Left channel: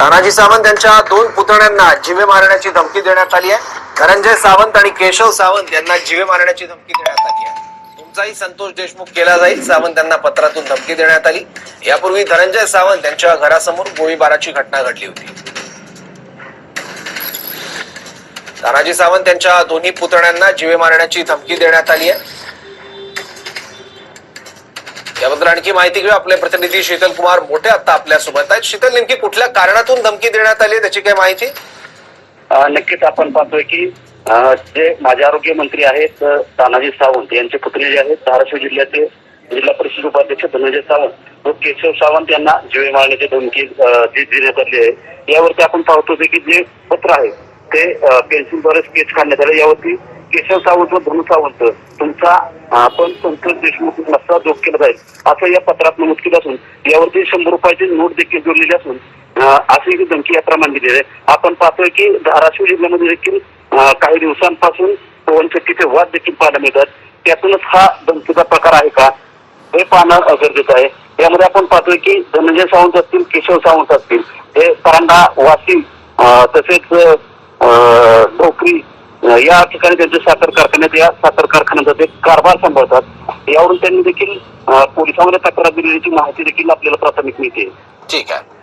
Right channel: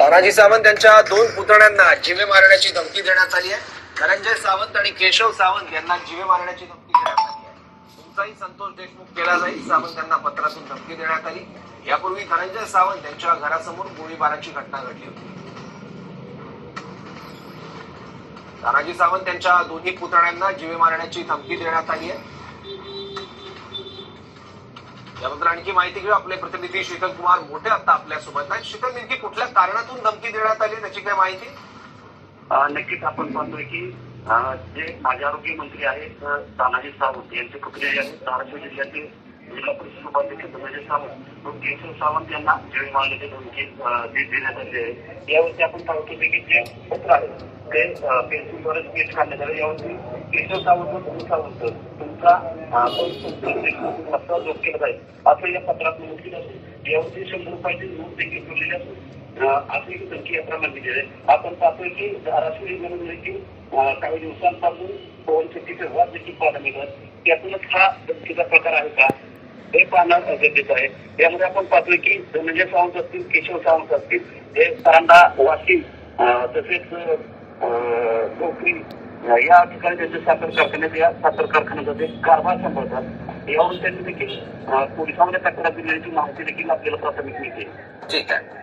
तानाजी सावंत यांच्या दोन पुतण्यांना जीवे मारण्याची धमकी देण्यात आली आहे. धनंजय सावंत आणि केशव सावंत यांना जीवे मारण्याची धमकी देण्यात आली आहे. तुमचाही संतोष देशमुख केला जाईल सावंत यांना पत्रातून धमकी देण्यात आली. यापूर्वी धनंजय सावंत यांच्या घरासमोर गोळीबाराची घटना घडली होती. तानाजी सावंत यांच्या दोन्ही पुतण्यांना जीवे मारण्याची धमकी देण्यात आली आहे. याबद्दल आणखी माहिती घेऊ आपले प्रतिनिधी शीतल कुमार मोठे आता आपल्यासोबत आहेत. शीतल नेमकी कुठल्या कारणातून धमकी देण्यात आली त्याची काय माहिती? नक्कीच आपण पाहतोय की जे माजी आरोग्य मंत्री आहेत तानाजी सावंत यांचे पुतणे जे आहेत धाराशिव जिल्ह्याचे जिल्हा परिषद उपाध्यक्ष धनंजय सावंत व केशव सावंत यांना जीवे मारण्याची धमकी देण्यात आली आहे. यावरती आपण पाहतो की जे पत्र आहे ते पेन्सिल पेन्सिलद्वारे स्केच काढण्यात आले. यावरती केशव सावंत व धनु सावंत तुमचा आपण संतोष देशमुख नसता जोग केला जाईल. असं या पत्रात नमूद केलं असून यावरती शंभर रुपयाची नोट देखील जोडलेली असून अशी ही धमकी यात्रा प्रमाणे आहे. आपण पाहतोय की धाराशिव जिल्ह्यामध्ये देखील काही दिवसांपासून पवनचक्कीचे वाद देखील पाहायला मिळतात. त्यातूनच हा धमकीचा प्रकार आहे का हे पाहणं गरजेचं आहे. यामध्ये आपण पाहतोय की धनंजय सावंत असतील केशव सावंत असतील हे परांडा वाशिम तसेच ढोकरी या ठिकाणी त्यांचे साखर कारखान्यात या साखर कारखान्याचा ते कारभार सांभाळतात. यावरून त्यांनी देखील पोलिसांमध्ये तक्रार दिलेली माहिती देखील आपल्याला प्राथमिक मिळते. ठीक आहे.